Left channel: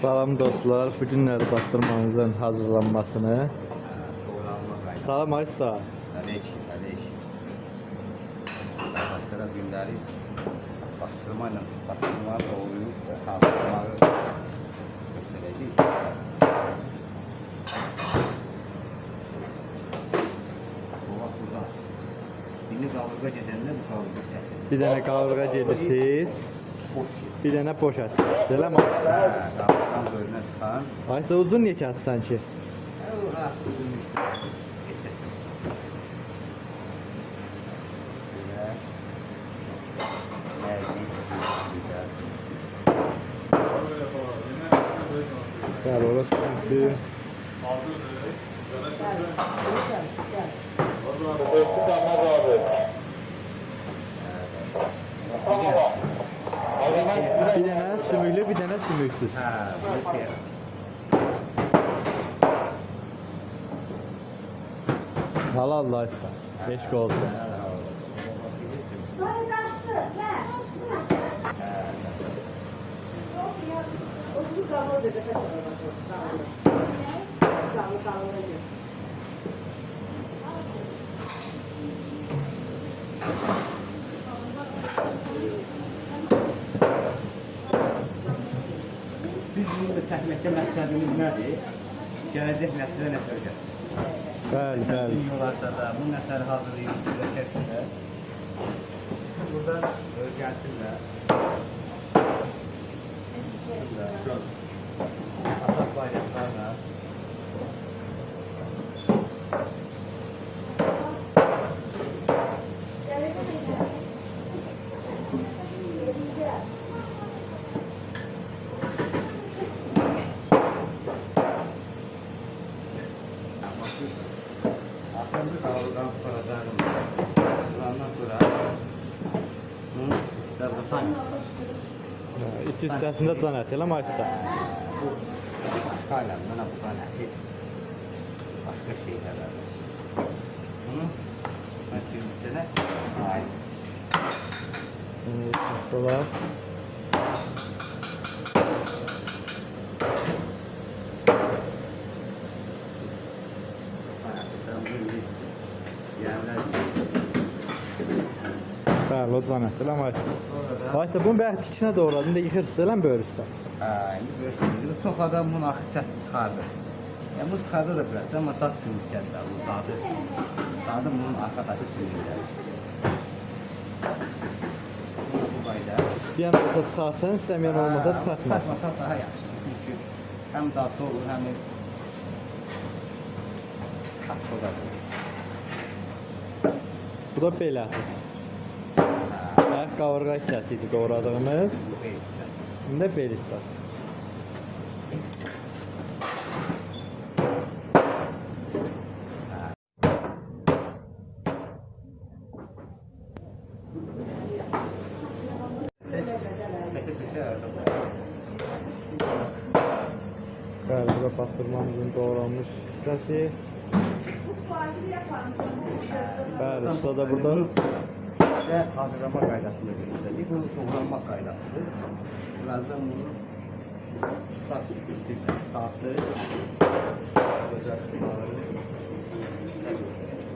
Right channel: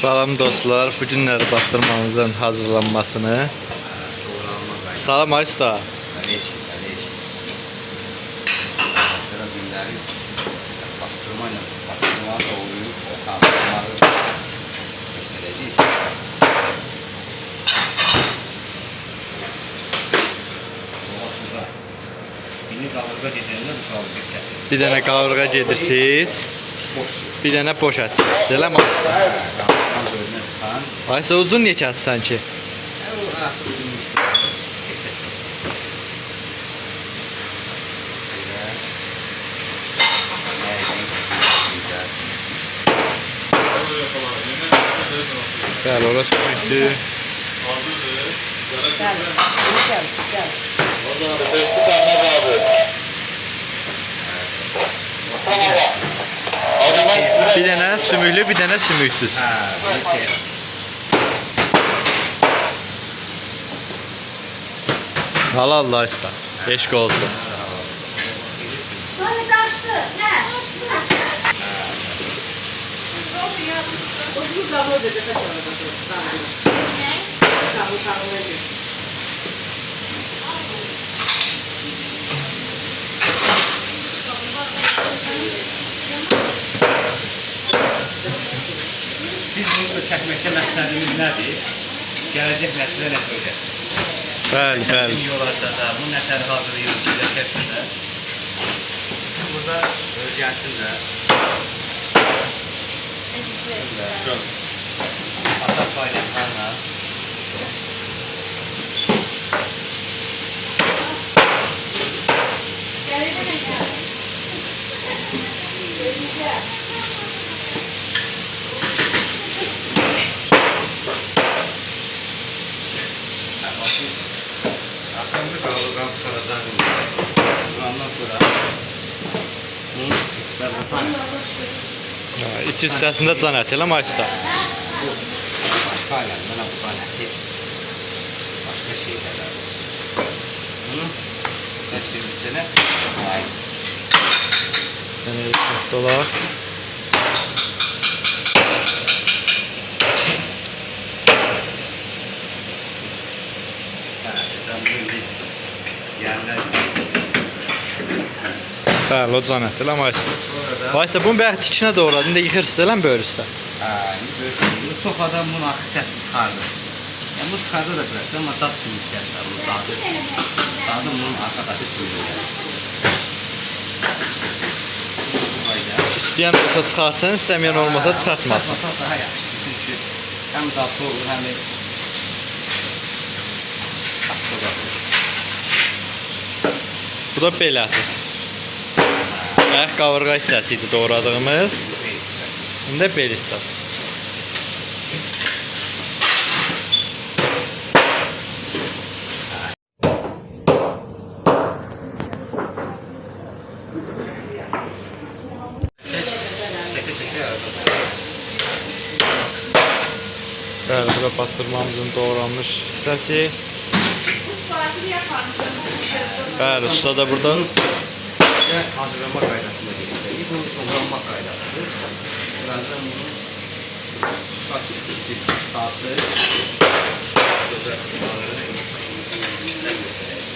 Salam dostlar, bugünləri bastırmamızın hazırlanmasını. Salam Aysta. Sonra günləri bastırmayla doğruyub, o kaldırmaları göstərəcəyik. Birini qavurğa gedəndə bu qavurğa səsi. Bir dənə qavurğa gedirsiniz, bir dənə boş ətirirsiniz. Elə mi Aysta? Qavurğanın bölünə çıxan. Aysta uzun niyə kəssən ki? O artıq sümük. Bəli, orası büyüktür. Bir dənə sümüklü, bir dənə sümüksüz. Halal Aysta. Eşq olsun. Biz bunu da çəkməkdə məqsədimiz nədir? Gələcək nəslə nə söyləyək? Bəli, bəli. Yolarsa da, bu nətər hazırlayıb fikirləşərsə də, siz burada öyrənsin də, atak faydaslarla aslında kavurgan tutacağım. Ondan sonra bunu ister bakan. İç hissəsində can əti elə mi Aysta? Bu başka alem, bana bu alem başka şeyler olsun. Bunu hepsinin içine ait. Dolar. Bəli, o can əti elə mi Aysta? Aysta, bunu bəyək tikinə doğradın da yıxırsınız elə mi böyrüstə? Bu çok adam bunu axı səsi çıxardı. Yəni bu çıxarda da bilərsən, amma dad sümükdədir. Bu dadı bunun arxadakı sümükdədir. Bu qayda. İstəyən olsa çıxarsan, istəməyən olmasa çıxartmasın. Çıxartmasa daha yaxşıdır. Çünki həm dadlı olur, həm də tatlı olur. Bu da belədir. Bəyək qavurğa hissəsi idi doğradığımız. İndi bel hissəsi. Bəli, bu da pastırmamızın doğranmış hissəsi. Bəli, usta da burada. Hazırlama qaydasında gelir. Bu doğranma qaydasıdır. Birazdan bunu tatlı güzel sıkmaları size göstereyim.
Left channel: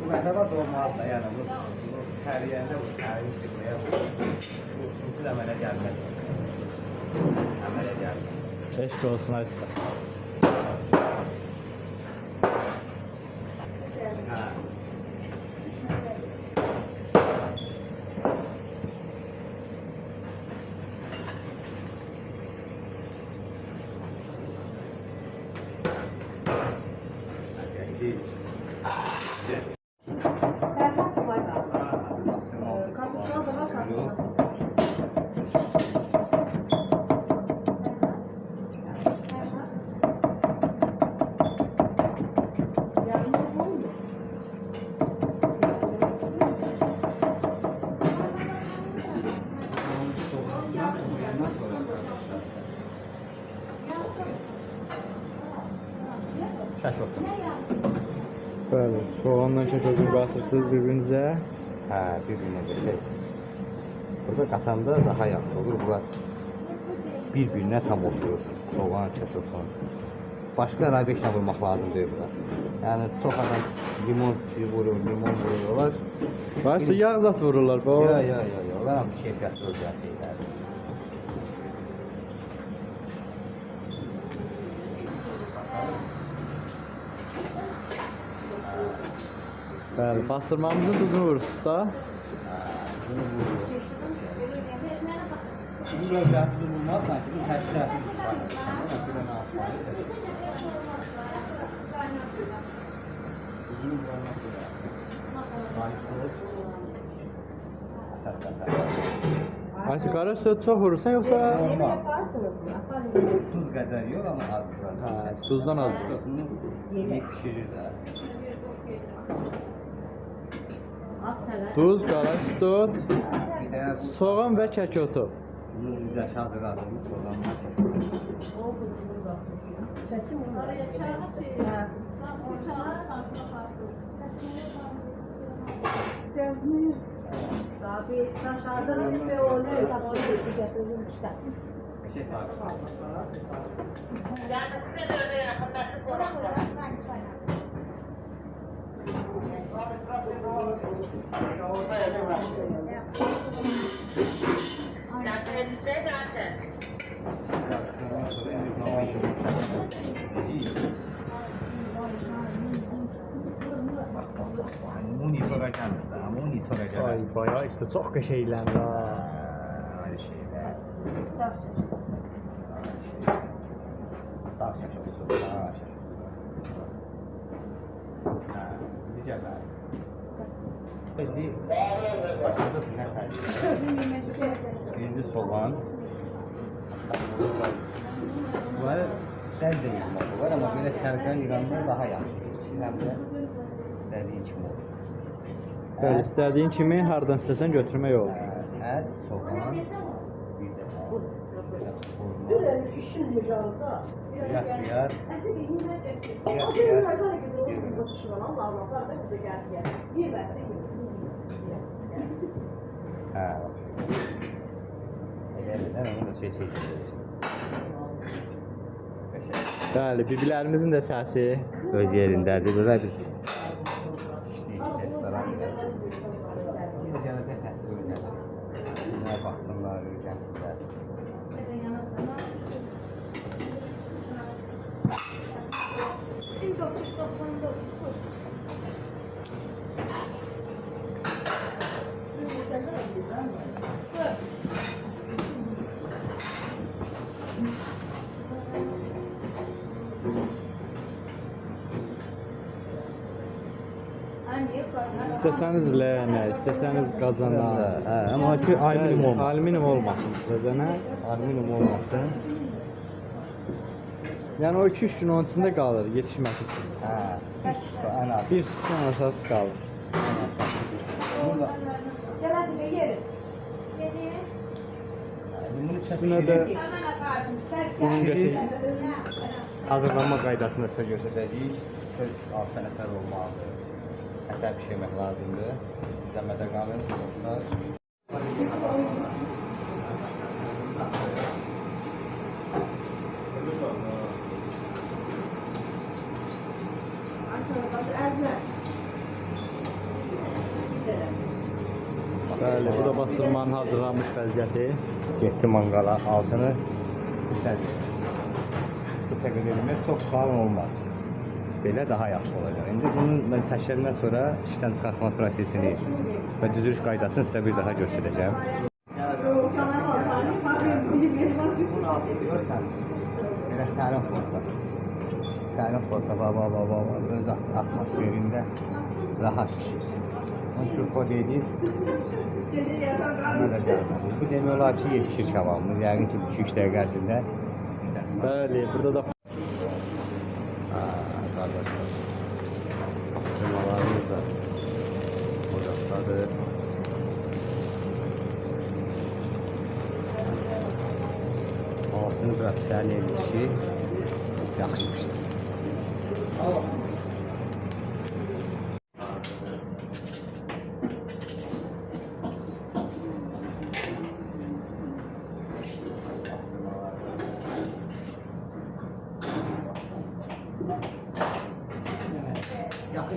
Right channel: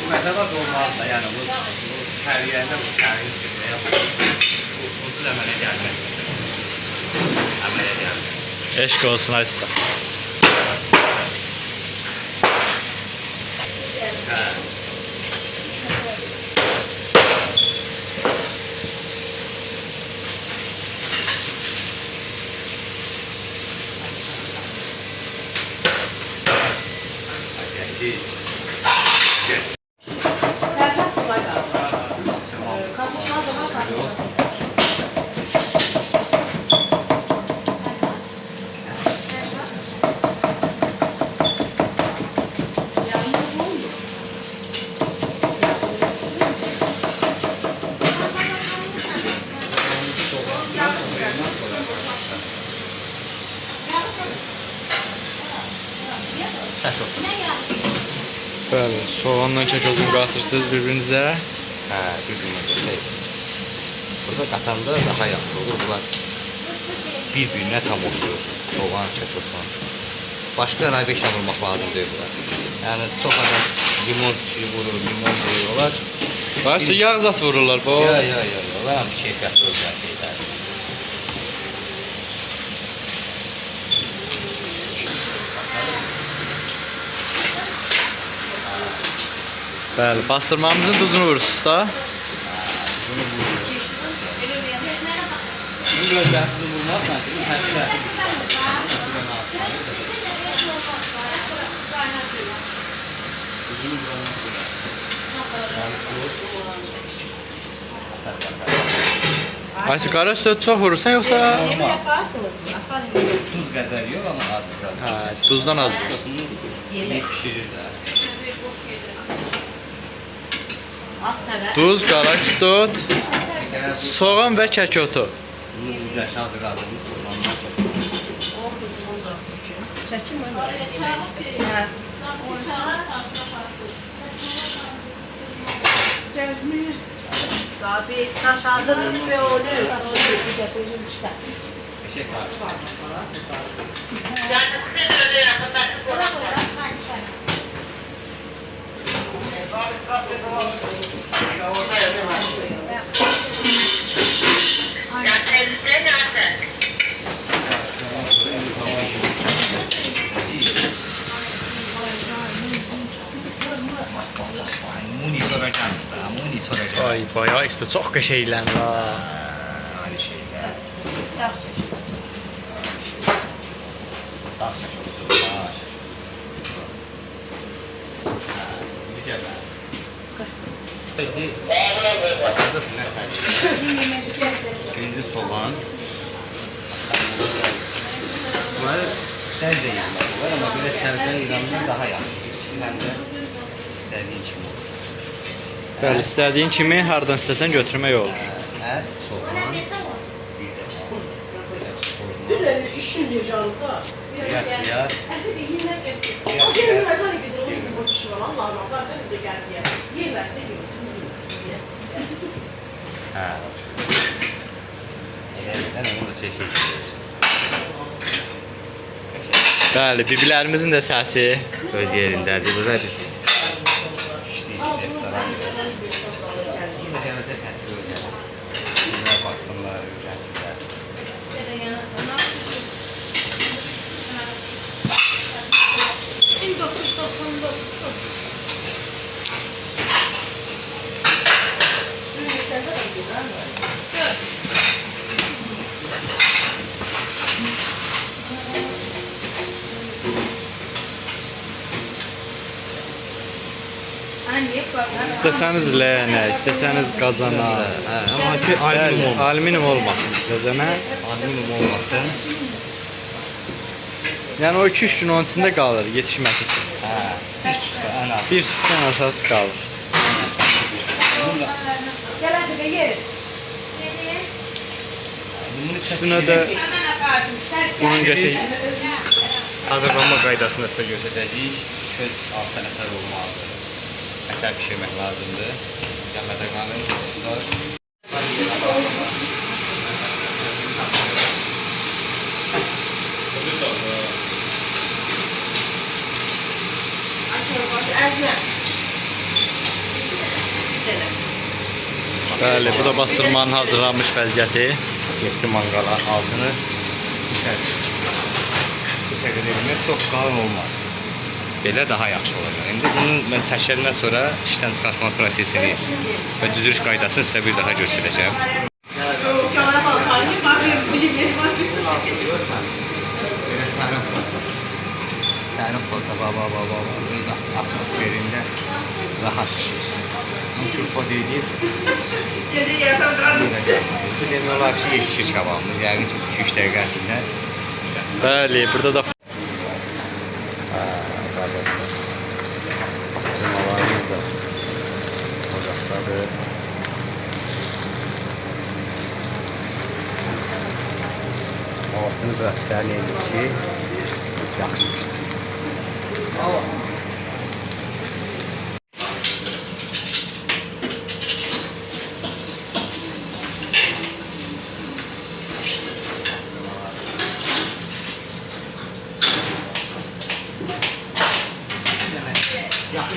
Bu mesela olmaz da yani bu her yerde bu tarihi sırraya bu usul əmələ gəlməz. Əmələ gəlməz. Eşq olsun Aysta. Yes. Tək otur. Bəli, soğanla kəközünü qatırsınız bir-birinizə. Hə, bir-birinə şey. Burada qatanda daha yaxşı olur. Bunlar bir-birinə tam oturur. Soğan, kəkos falan. Başqa raybeşlə vurmaq lazım deyil bunlar. Yəni çox adam limon suyu vurur, limon vuruyorlar. Bax, yağ zat vururlar bu. Ya. Onlar hamısı keyfiyyətli olacaq şeylər. Bəli, bastırmamızın duzunu vurursunuz da. Bunu vuruyor. Bunu gözlərsiz vurmazsan ki, bu həsrəti Aysu, qara üstə çox vurursan yoxsa? Yemək yaparsınız mı? Yaparım. Tuz qədər yox, amma az biraz. Hə, duzdan az vurursun. Bunu yemək pişirirlər. Az səvər. Duz, qara üstü, Bir dənə bu soğan və kəkotu. bunu güzel hazırladığımız soğanlar Çəkim var yeməyinizi. Abi, aşağıdınız ve onu getirdim işte. eşek var. Muni soracağım da, muni soracağım. Ay, bayağı işte çox qəşəngləndi ha. Aynı şeyler. Yağ çeşidi. Dağ şaşırtısı, dağ şaşırtısı. Güzel ben. Şimdi başladık ne kaydediyor? Birinci soğan. Bunlar sen de yanmak var ama böyle serden İran'dan daha yakın. Hem de istediğin kimi olur. Bəli, istədiyin kimi hardan istəsən götürmək olur. Et, soğan, bir de hurma. İşin diyeceğim da. Fiyat. Ha. Elədən onu da şey Bəli, biblərimizin də səsi. öz yerindədir. Burada biz işləyirik restoranda. Burada gələcək nəsil öyrənir. Sizlər baxsınlar, öyrənsinlər. İstəsəniz ləyənə, istəsəniz qazana. Hə, amma ki alüminium olmasın. Alüminium olmasın istəsənə. Alüminium olmasın. Yəni o 2-3 gün onun içində qalır yetişməsi üçün. Hə, bir sütə ən az. Bir sütdən aşağısı qalır. Bunu da bunun Üstünə də bunun qəşəng hazırlanma qaydasını sizə göstərəcəyik. Köz altı nəfər olmalıdır. Ətər pişirmək lazımdır. Gəlmədə qalın dostlar. Bəli, bu da bastırmanın hazırlanmış vəziyyəti. Getdi manqala altını qısa qedirmək çox qalın olmaz. Belə daha yaxşı olacaq. İndi bunu mən çəkəndən sonra işdən çıxartma prosesini və düzülüş qaydasını sizə bir daha göstərəcəm. Belə sərin flota. Sərin flota, baba, öz atmosferində rahat işir. Turpo deyil. Bu demək olar ki, yetişir kebabımız. Yəqin ki, 2-3 dəqiqə ərzində. Bəli, burada da Qardaşlar. Sırmalarımız da ocaqdadır. Altını biraz sərin edir ki, yaxşı pişsin.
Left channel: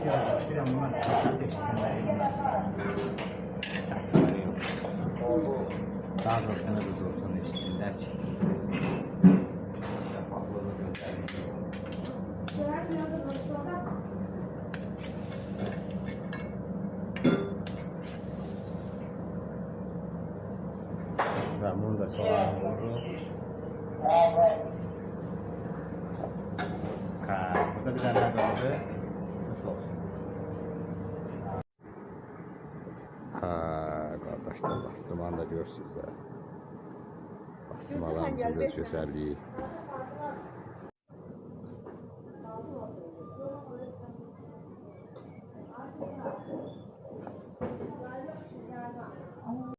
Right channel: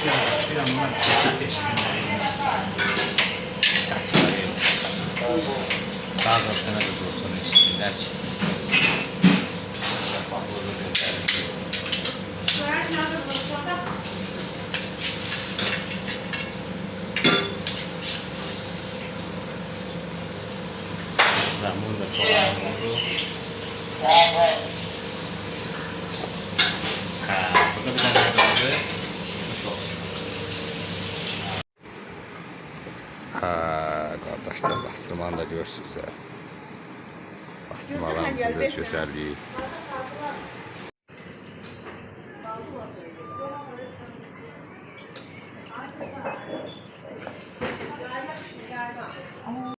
Bir an bunlar seçsinler. Səsləri. Bazen sana da dursun içsinler ki. Və burada soğan oldu. Hə, burada bir dənə qaldı. Xoş olsun. Ha kardeşler bastırmanı da görürsünüz ya. Bastırmalarımızın da gözəlliyi.